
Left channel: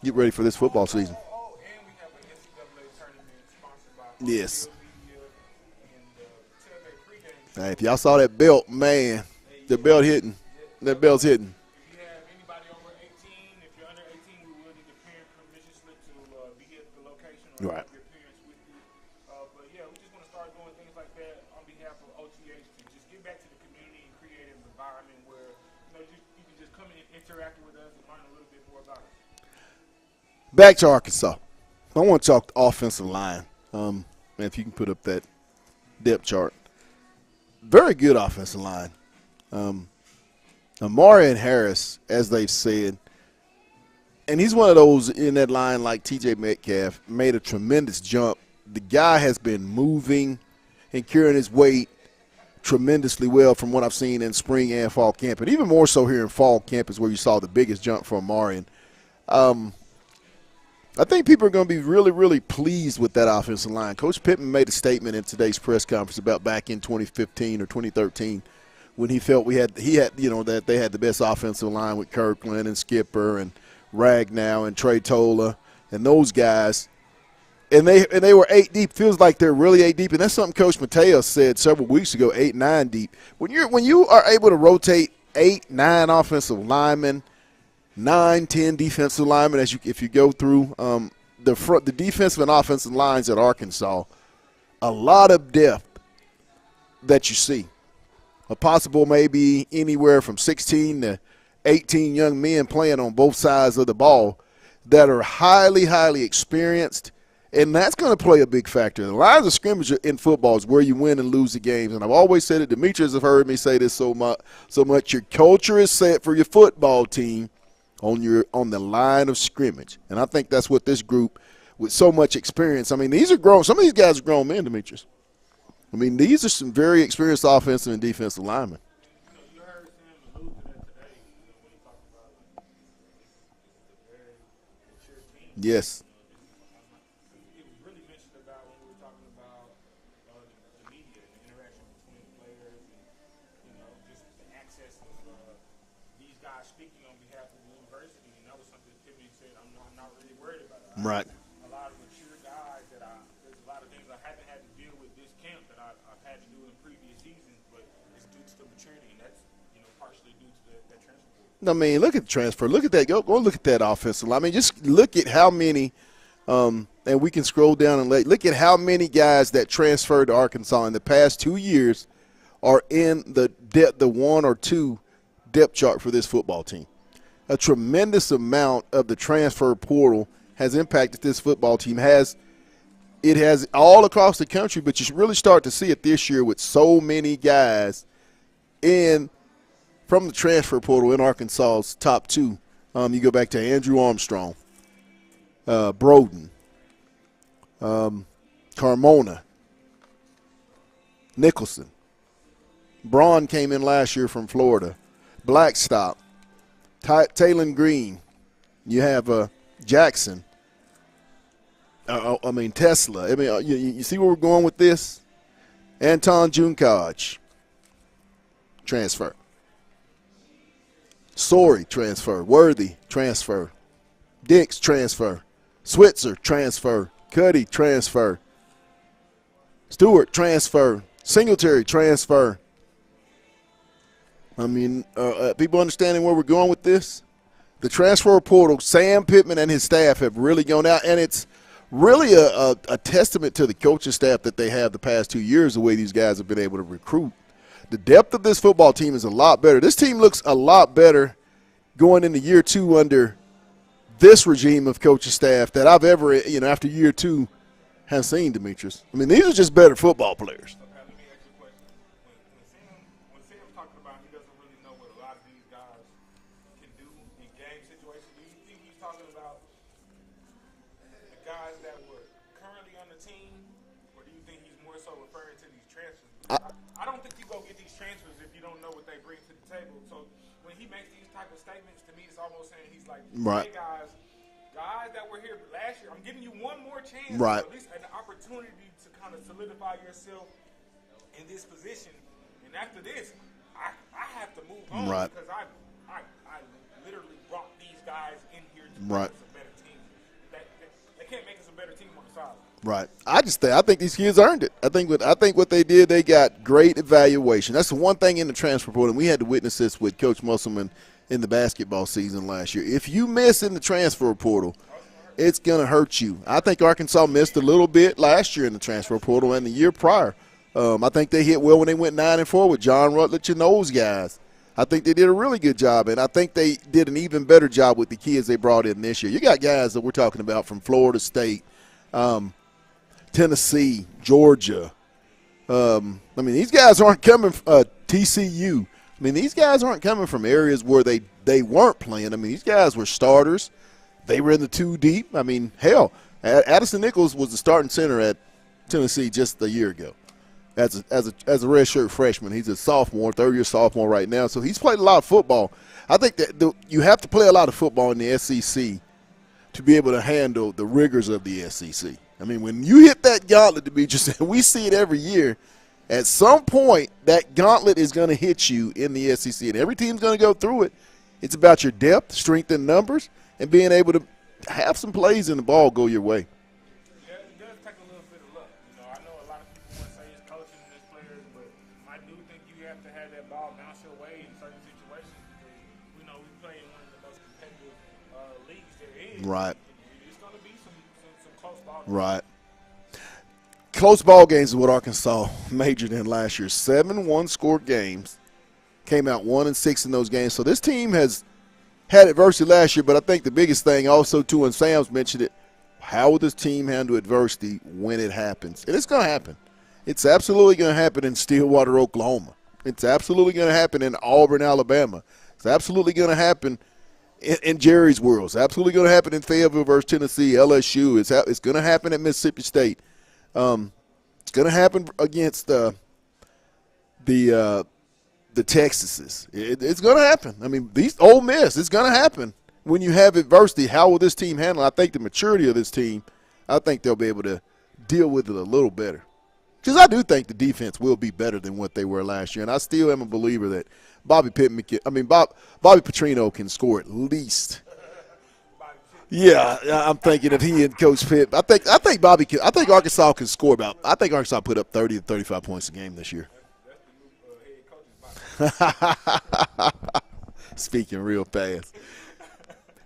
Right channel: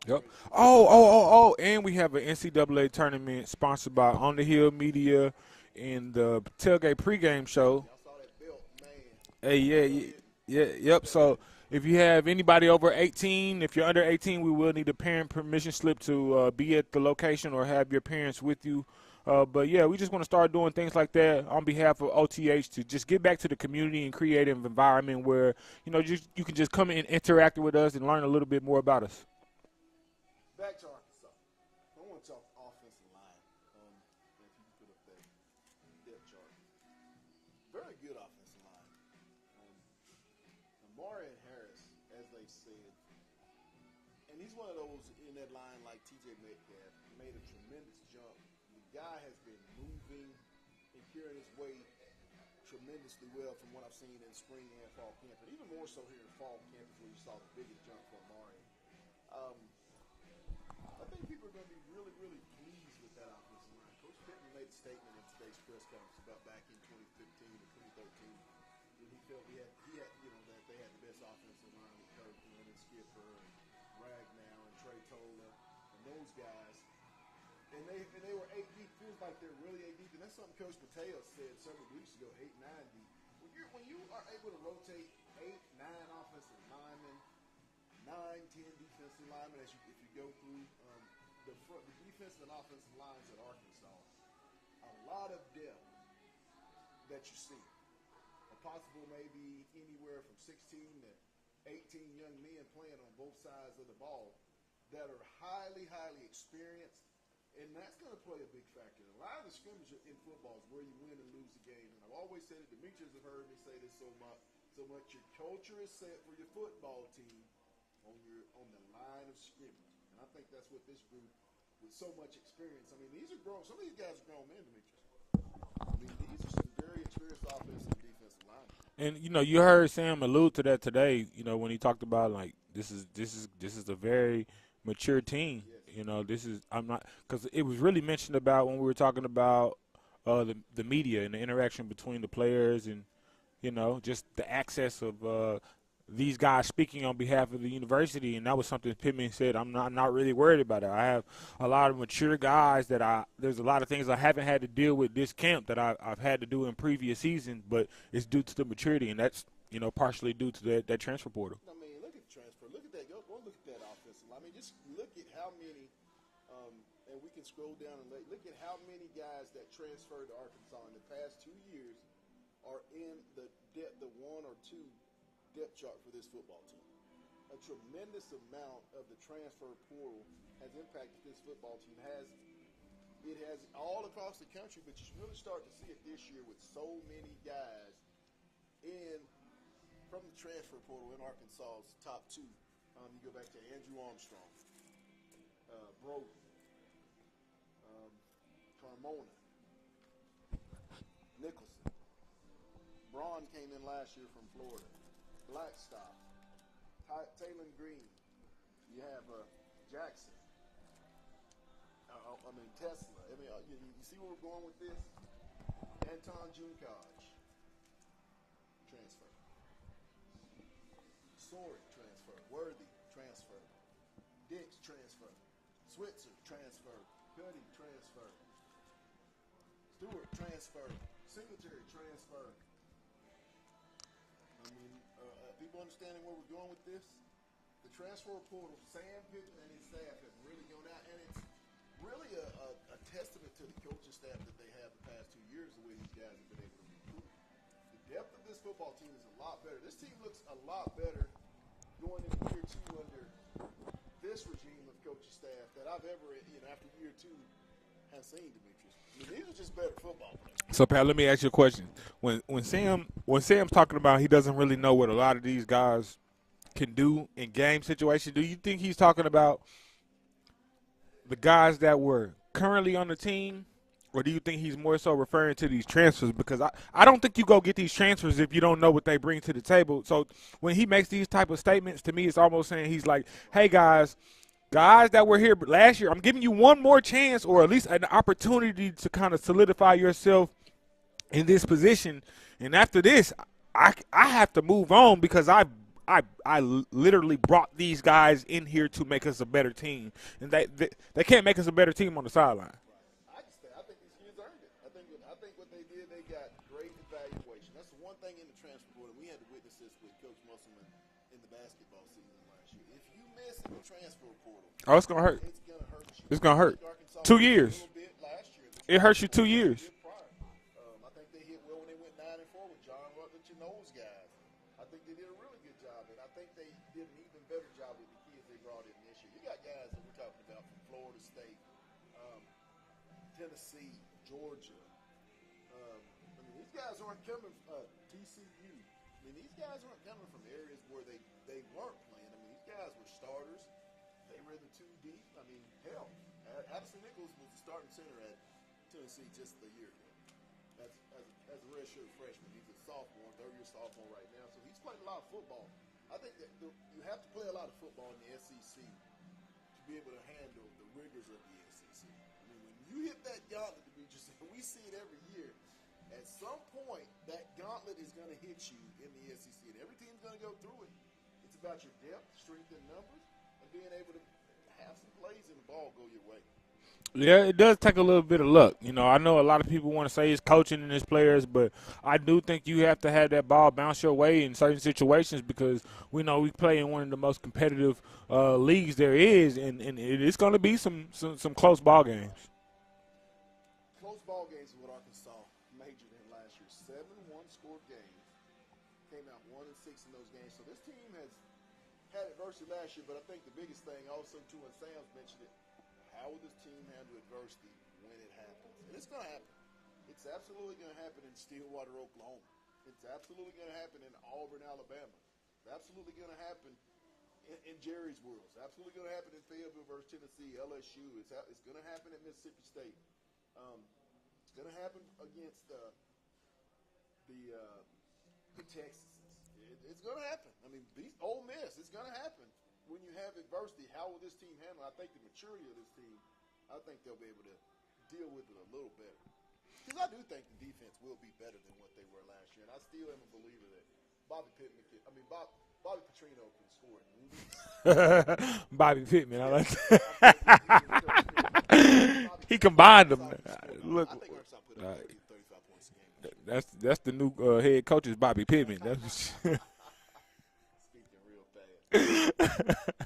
Get ready for this football season. And we have an NCAA tournament sponsored by On the Hill Media and the Tailgate pregame show. Hey, if y'all saw that belt, man, the belt hitting. Yeah, that belt's hitting. If you have anybody over 18, if you're under 18, we will need a parent permission slip to be at the location or have your parents with you. But, yeah, we just want to start doing things like that on behalf of OTH to just get back to the community and create an environment where, you can just come in and interact with us and learn a little bit more about us. Back to Arkansas. I want to talk offensive line. If you can put up that depth chart. Very good offensive line. Amari and Harris, as they've said, and he's one of those in that line like T.J. Metcalf, made a tremendous jump. The guy has been moving and carrying his weight tremendously well from what I've seen in spring and fall camp, and even more so here in fall camp is where you saw the biggest jump from Amari. I think people are going to be really, really pleased with that offensive line. Coach Pittman made a statement in today's press conference about back in 2015 or 2013 when he felt that they had the best offensive line with Kirkland and Skipper and Ragnow and Trey Tola and those guys. And they were 8 deep. Feels like they're really 8 deep, and that's something Coach Mateos said several weeks ago. 8, 9 deep. When you are able to rotate 8, 9 offensive linemen, 9, 10 defensive linemen if you go through the defensive and offensive lines at Arkansas, a lot of depth that you see. A possible maybe anywhere from 16 to 18 young men playing on both sides of the ball that are highly, highly experienced, and that's going to play a big factor. The lines of scrimmage in football is where you win and lose the games, and I've always said it. Demetrius have heard me say this so much. Your culture is set for your football team on the line of scrimmage, and I think that's what this group with so much experience. I mean, these are grown. Some of these guys are grown men, Demetrius. I mean, these are some very experienced offensive and defensive linemen. And you heard Sam allude to that today. When he talked about like this is a very mature team. Yes. Because it was really mentioned about when we were talking about the media and the interaction between the players and just the access of these guys speaking on behalf of the university, and that was something Pittman said. I'm not really worried about it. I have a lot of mature guys that there's a lot of things I haven't had to deal with this camp that I've had to do in previous seasons, but it's due to the maturity, and that's partially due to that transfer portal. I mean, look at the transfer. Look at that. Go look at that offensive line. I mean, just look at how many. And we can scroll down and look at how many guys that transferred to Arkansas in the past 2 years are in the 1 or 2 depth chart for this football team. A tremendous amount of the transfer portal has impacted this football team. It has all across the country, but you should really start to see it this year with so many guys from the transfer portal in Arkansas's top 2. You go back to Andrew Armstrong, Broden, Carmona, Nicholson. Braun came in last year from Florida. Blackstock, Taylon Green. You have Jackson. Tesla. I mean, you see where we're going with this? Anton Junkaj, transfer. Sorey, transfer. Worthy, transfer. Dix, transfer. Switzer, transfer. Cuddy, transfer. Stewart, transfer. Singletary, transfer. I mean, people understanding where we're going with this? The transfer portal, Sam Pittman and his staff have really gone out, and it's really a testament to the coaching staff that they have the past 2 years, the way these guys have been able to recruit. The depth of this football team is a lot better. This team looks a lot better going into year 2 under this regime of coaching staff that I've ever, after year 2, have seen, Demetrius. I mean, these are just better football players. So, Pat, let me ask you a question. When Sam's talking about he doesn't really know what a lot of these guys can do in game situations, do you think he's talking about the guys that were currently on the team, or do you think he's more so referring to these transfers? Because I don't think you go get these transfers if you don't know what they bring to the table. So when he makes these type of statements, to me, it's almost saying he's like, hey, guys that were here last year, I'm giving you one more chance or at least an opportunity to kind of solidify yourself in this position. And after this, I have to move on because I literally brought these guys in here to make us a better team, and they can't make us a better team on the sideline. Right. I think these kids earned it. I think what they did, they got great evaluation. That's the one thing in the transfer portal, and we had to witness this with Coach Musselman in the basketball season last year. If you miss in the transfer portal, it's going to hurt. It's going to hurt you. I think Arkansas missed a little bit last year in the transfer portal and the year prior. I think they hit well when they went 9-4 with John Rutledge and those guys. I think they did a really good job, and I think they did an even better job with the kids they brought in this year. You got guys that we're talking about from Florida State, Tennessee, Georgia. These guys aren't coming from TCU. These guys aren't coming from areas where they weren't playing. These guys were starters. They were in the 2 deep. Hell, Addison Nichols was the starting center at Tennessee just a year ago. As a redshirt freshman. He's a sophomore, third-year sophomore right now, so he's played a lot of football. I think that you have to play a lot of football in the SEC to be able to handle the rigors of the SEC. When you hit that gauntlet, Demetrius, and we see it every year, at some point that gauntlet is going to hit you in the SEC, and every team's going to go through it. It's about your depth, strength in numbers, and being able to have some plays in the ball go your way. Yeah, it does take a little bit of luck. I know a lot of people want to say it's coaching and it's players, but I do think you have to have that ball bounce your way in certain situations because we know we play in one of the most competitive leagues there is, and it's going to be some close ball games. Right. Close ball games is what Arkansas majored in last year. 7 one-score games, came out 1-6 in those games. So this team has had adversity last year, but I think the biggest thing also, too, and Sam's mentioned it, how will this team handle adversity when it happens? And it's going to happen. It's absolutely going to happen in Stillwater, Oklahoma. It's absolutely going to happen in Auburn, Alabama. It's absolutely going to happen in Jerry's world. It's absolutely going to happen in Fayetteville versus Tennessee, LSU. It's going to happen at Mississippi State. It's going to happen against the Texases. It's going to happen. These Ole Miss, it's going to happen. When you have adversity, how will this team handle it? I think the maturity of this team, I think they'll be able to deal with it a little better. Because I do think the defense will be better than what they were last year, and I still am a believer that Bobby Petrino can score at least. Bobby Pittman. Yeah, I'm thinking if he and Coach Pitt. I think Bobby. I think Arkansas can score about. I think Arkansas put up 30 to 35 points a game this year. That's the new head coach is Bobby Pittman. Speaking real fast.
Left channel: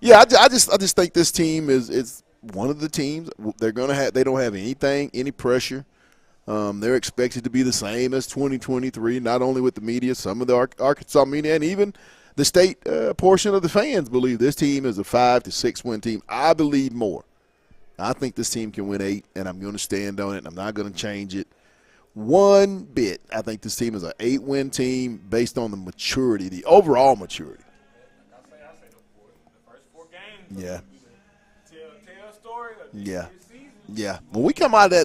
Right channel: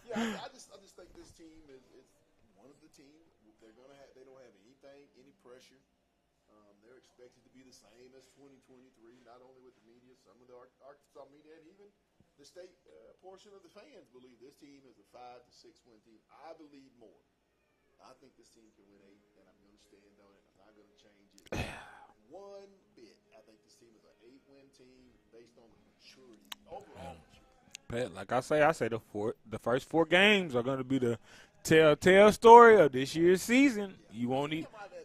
Yeah, I just think this team is one of the teams they're gonna have. They don't have any pressure. They're expected to be the same as 2023, not only with the media, some of the Arkansas media, and even the state portion of the fans believe this team is a 5 to 6 win team. I believe more. I think this team can win 8, and I'm going to stand on it, and I'm not going to change it one bit. I think this team is an 8-win team based on the maturity, the overall maturity. Pat, like I say the first 4 games are going to be the telltale story of this year's season. Yeah, when we come out of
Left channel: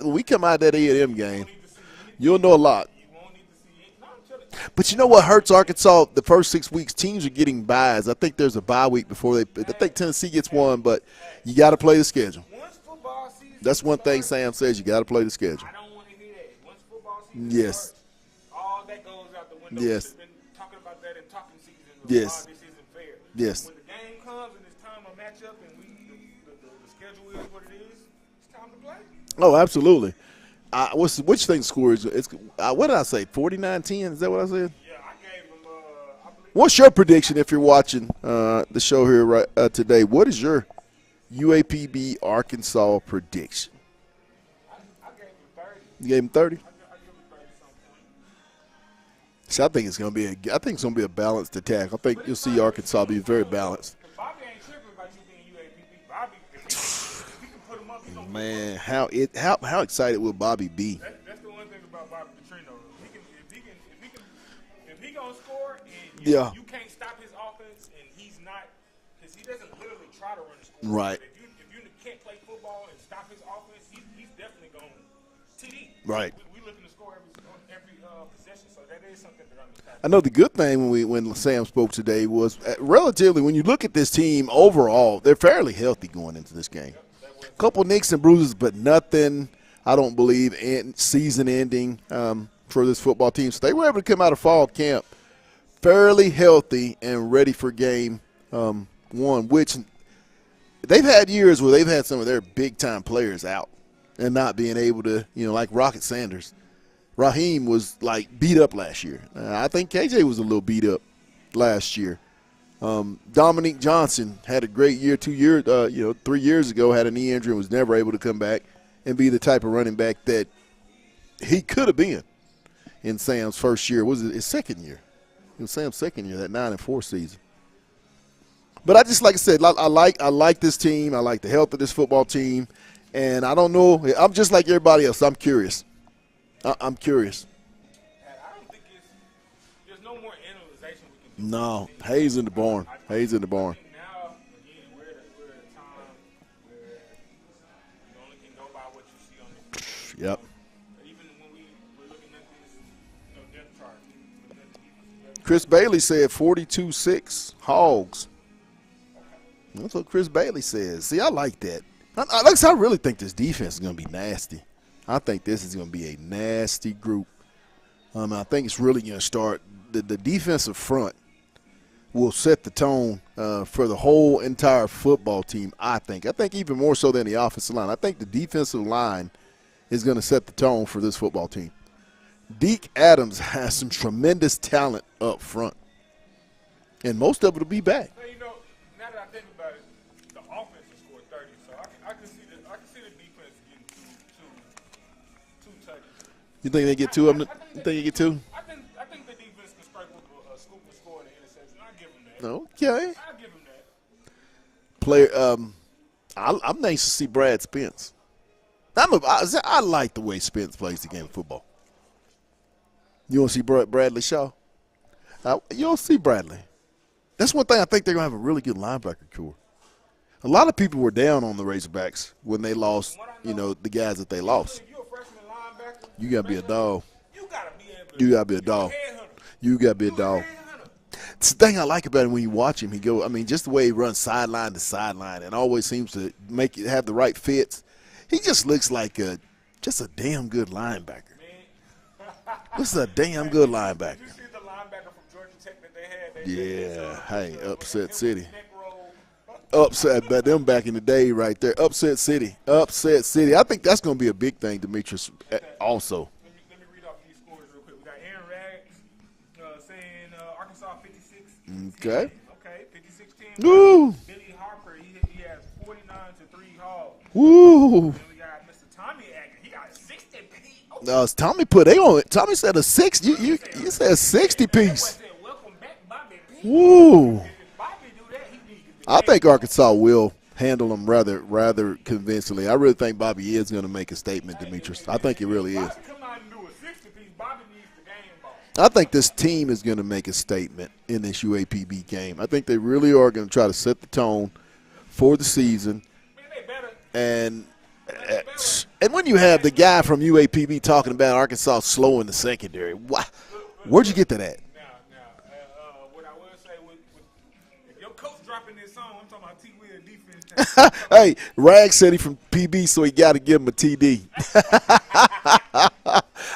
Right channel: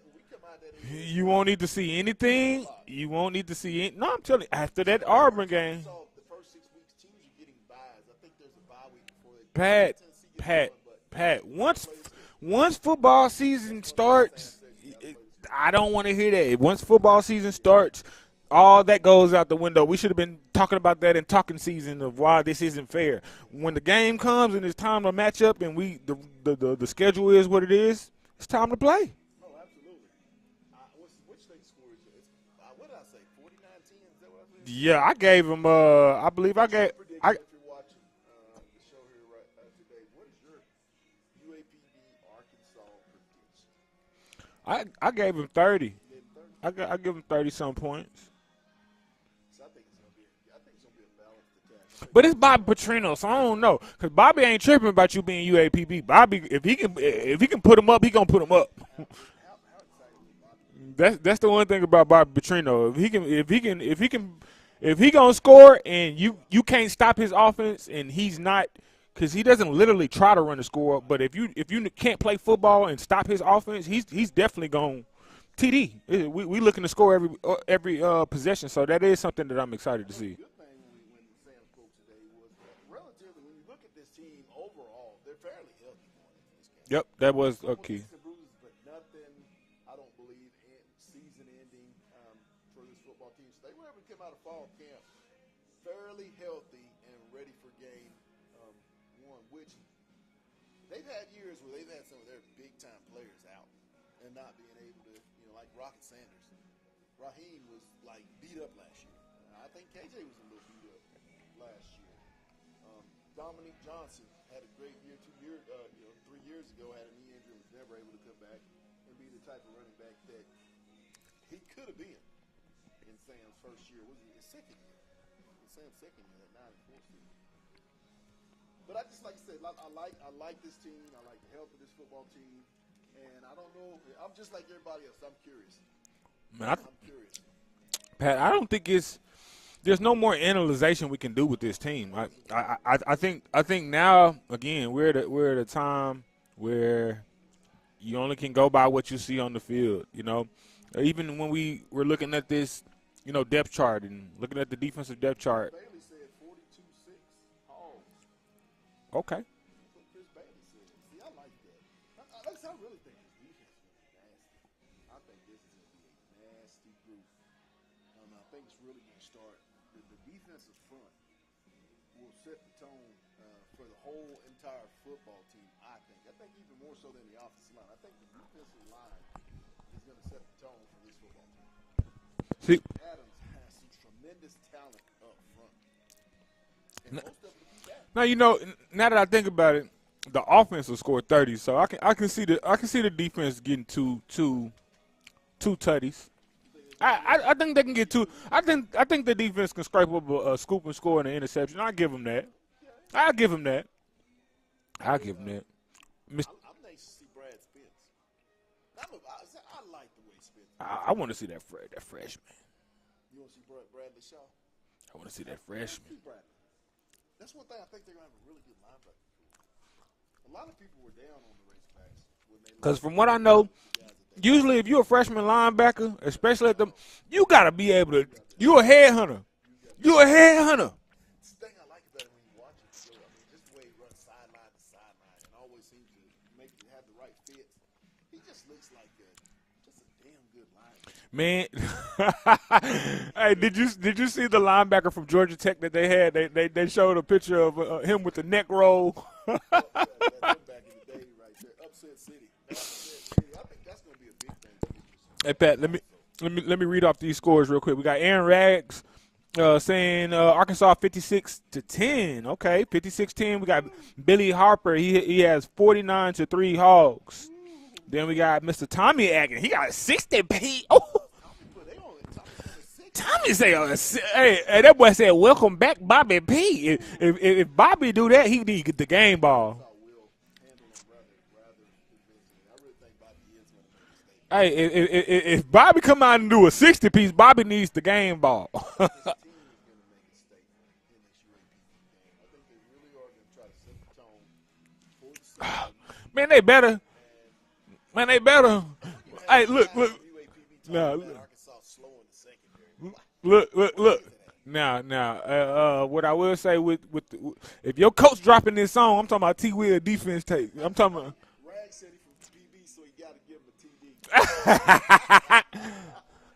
that A&M game, you won't need to see anything. You'll know a lot. You won't need to see it. No, I'm telling you. But you know what hurts Arkansas? The first 6 weeks, teams are getting byes. I think there's a bye week before they pick. I think Tennessee gets one, but you got to play the schedule. Once football season That's one thing Sam says. You got to play the schedule. I don't want to hear that. Once football season starts, all that goes out the window. Yes. We should have been talking about that in talking season of why this isn't fair. Yes. When the game comes and it's time to match up and the schedule is what it is, it's time to play. Oh, absolutely. Which thing score is? What did I say? 49-10? Is that what I said? Yeah, I gave him. I believe. What's your prediction if you're watching the show here today? What is your UAPB Arkansas prediction? I gave him 30. You gave him 30? I give him 30-some points. So I think it's going to be a balanced attack. I think But you'll it's see Bobby Arkansas Petrino, be so I very don't know. balanced. Because Bobby ain't tripping about you being UAPB. Bobby, if he can put him up, he gonna put him up. How excited will Bobby be? That's the one thing about Bobby Petrino. If he gonna score and you can't stop his offense and he's not, because he doesn't literally try to run the score. Right. But if you can't play football and stop his offense, he's definitely going TD. Right. We looking to score every possession. So that is something that I'm excited. I know to the see. good thing when Sam spoke today was relatively when you look at this team overall, they're fairly healthy going into this game. Yep, that was A couple nicks and bruises, but nothing, I don't believe, season ending for this football team. So they were able to come out of fall camp fairly healthy and ready for game one, which they've had years where they've had some of their big-time players out and not being able to, like Rocket Sanders. Raheem was, beat up last year. I think KJ was a little beat up last year. Dominique Johnson had a great year 3 years ago, had a knee injury and was never able to come back and be the type of running back that he could have been in Sam's first year. Was it his second year? It was Sam's second year, that 9-4 season. But I just, like I said, I like this team. I like the health of this football team. And I don't know. I'm just like everybody else. I'm curious. I'm curious. Pat, I don't think there's no more analyzation we can do with this team. Hayes in the barn. I think now, again, we're at a time where you only can go by what you see on the field. You know, even when we were looking at this, depth chart and looking at the defensive depth chart. Chris Bailey said 42-6 Hogs. Okay. That's what Chris Bailey says. See, I like that. I really think this defense is going to be nasty. I think this is going to be a nasty group. I think it's really going to start – the defensive front will set the tone for the whole entire football team, I think. I think even more so than the offensive line. I think the defensive line is going to set the tone for this football team. Deke Adams has some tremendous talent up front, and most of it will be back. Now, now that I think about it, the offense will score 30, so I can see the defense getting two tutties. You think they get two? I think they can get two. I think the defense can scrape up a scoop and score and an interception. I give them that. Okay. I give them that. Player, I'm nice to see Brad Spence. I like the way Spence plays the game of football. I want to see that freshman. You want to see Bradley Shaw? You don't see Bradley. That's one thing I think they're going to have a really good linebacker core. A lot of people were down on the Razorbacks when they lost. From what I know, the guys that they usually lost. if you're a freshman linebacker, especially you got to be able to. You got to be a You're a headhunter. You got to be a You're a headhunter. It's the thing I like about him when you watch him. Just the way he runs sideline to sideline and always seems to have the right fits. He just looks like Just a damn good linebacker. Man, Just a damn hey, good did linebacker. Did you see the linebacker from Georgia Tech that they had? They showed a picture of Upset him City. with the neck roll. Upset, but them back in the day right there. Upset City. I think that's going to be a big thing, Demetrius, Hey, Pat, also. Let me read off these scores real quick. We got Aaron Rags saying Arkansas 56-10. Okay, 56-10. We Woo. got Billy Harper. He has 49-3 Hogs. Woo. Then we got Mr. Tommy Agin. He got 60 P. Oh, Tommy said a 60. Tommy said He said 60 hey, that boy piece. said, "Welcome back, Bobby P." Woo. If Bobby do that, he need the game I think ball. Arkansas will handle them rather convincingly. I really think Bobby is going to make a statement. Hey, Demetrius. I think he really if Bobby is. come out and do a 60 piece, Bobby needs the game ball. I think this team is going to make a statement in this UAPB game. I think they really are going to try to set the tone for the season. Man, they better. And They better. And when you have Hey, the look, guy look. from UAPB talking Yeah. about Arkansas slow in the secondary, Look, where'd you get to that? Now, what I will say if your coach dropping this song, I'm talking about T. Will defense tape. I'm talking Hey, Rag said he from PB, so he got to give him a TD.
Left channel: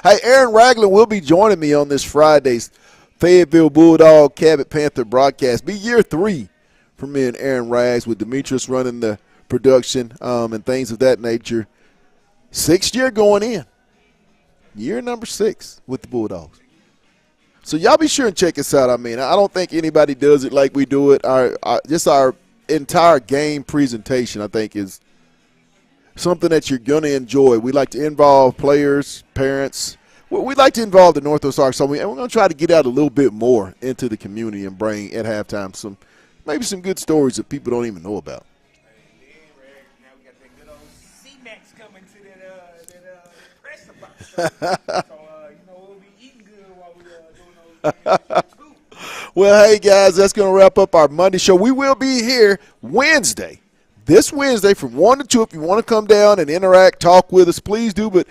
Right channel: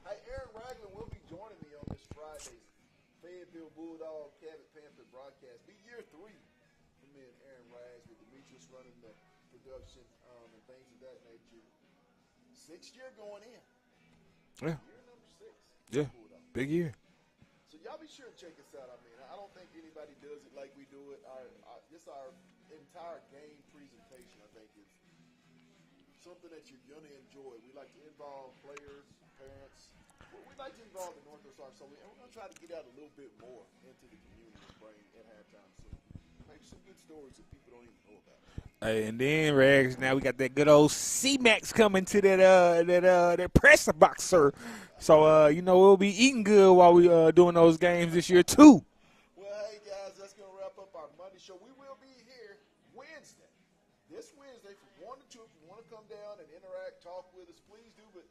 Hey, Aaron Ragland will be joining me on this Friday's Fayetteville Bulldog Cabot Panther broadcast. Be year 3 for me and Aaron Rags with Demetrius running the production and things of that nature. 6th year going in. Yeah. Year number 6 with the Bulldogs. big year. So y'all be sure and check us out. I mean, I don't think anybody does it like we do it. Our entire game presentation, I think, is something that you're going to enjoy. We like to involve players, parents. We like to involve the Northwest Arkansas, and we're going to try to get out a little bit more into the community and bring at halftime maybe some good stories that people don't even know about. Hey, and then Rags, now we got that good old C-Max coming to that press box, sir. So we'll be eating good while we doing those games this year too. Well, hey guys, that's going to wrap up our Monday show. We will be here this Wednesday from 1 to 2. If you want to come down and interact, talk with us, please do. But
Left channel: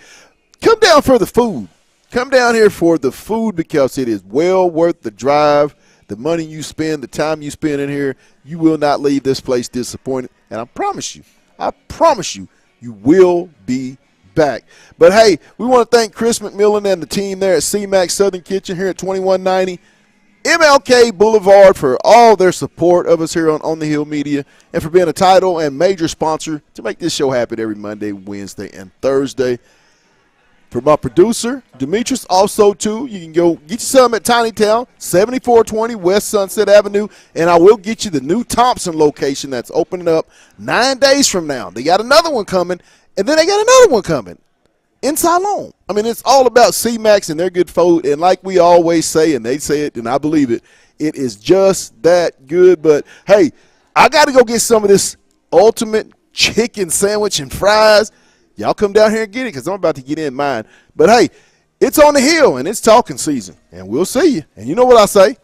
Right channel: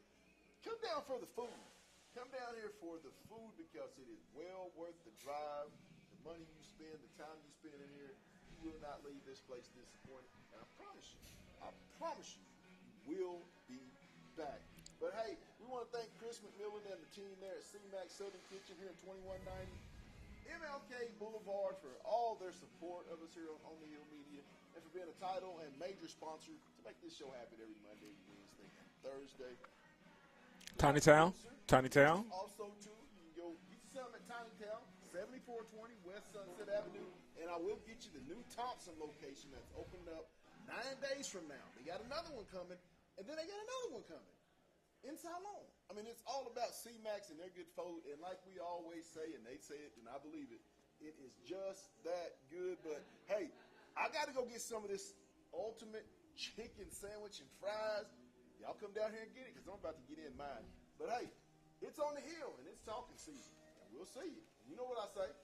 come down for the food. Come down here for the food because it is well worth the drive, the money you spend, the time you spend in here. You will not leave this place disappointed. And I promise you, you will be back. But, hey, we want to thank Chris McMillan and the team there at C-Max Southern Kitchen here at 2190 MLK Boulevard for all their support of us here on the Hill Media and for being a title and major sponsor to make this show happen every Monday, Wednesday, and Thursday. For my producer, Demetrius, also, too, you can go get you some at Tiny Town, 7420 West Sunset Avenue, and I will get you the new Thompson location that's opening up 9 days from now. They got another one coming, and then they got another one coming in Siloam. I mean, it's all about C-Max and their good food, and like we always say, and they say it, and I believe it, it is just that good. But, hey, I got to go get some of this ultimate chicken sandwich and fries. Y'all come down here and get it because I'm about to get in mine. But, hey, it's on the hill, and it's talking season, and we'll see you. And you know what I say?